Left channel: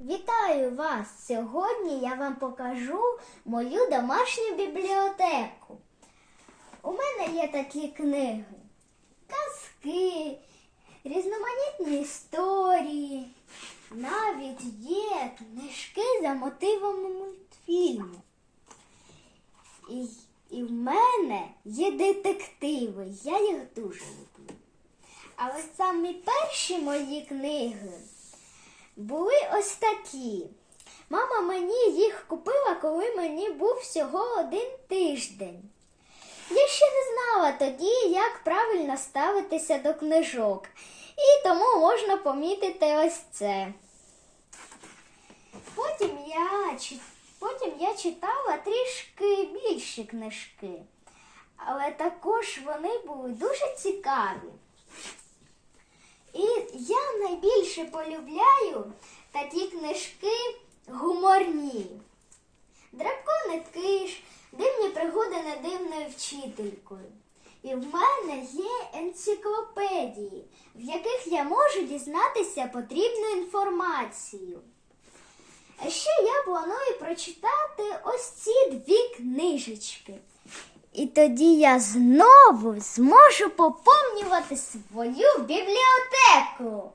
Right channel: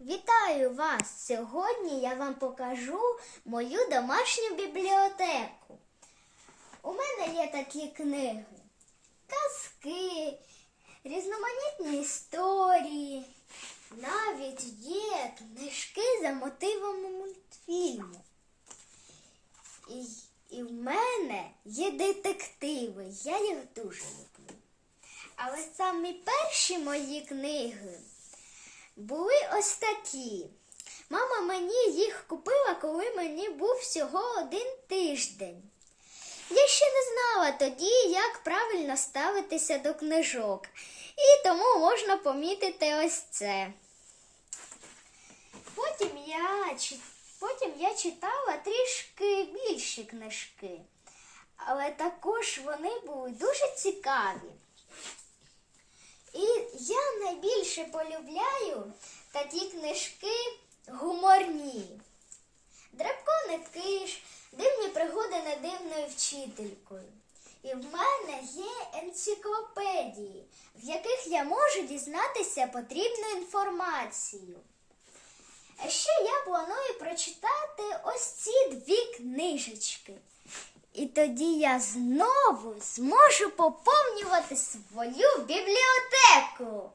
Вітаю вас! Сьогодні я вам покажу мою домашню бібліотеку. У мене є такі книги: казки, різноманітні історії. Навіть є книжки за мотивами мультфільму. І, і в мене є детективи. Я їх дуже люблю. Але самі перші мої книги були ось такі. Мама мені їх купила, коли мені був всього один тиждень. Я ще не знала тоді, як правильно ставитися до книжок, і тому можна помітити ось це. Потім я, потім я читала трішки більші книжки, але також вони були дуже цікаві. Я найбільше полюбляю такі книжки гуморні. Драбко киш, дивні пригоди недивною вчителькою. І в мене є енциклопедії, в яких я можу дізнатися потрібну інформацію. А ще я планую прочитати ось ці дві книжечки. І тоді я знову зможу поповнювати свою бібліотеку.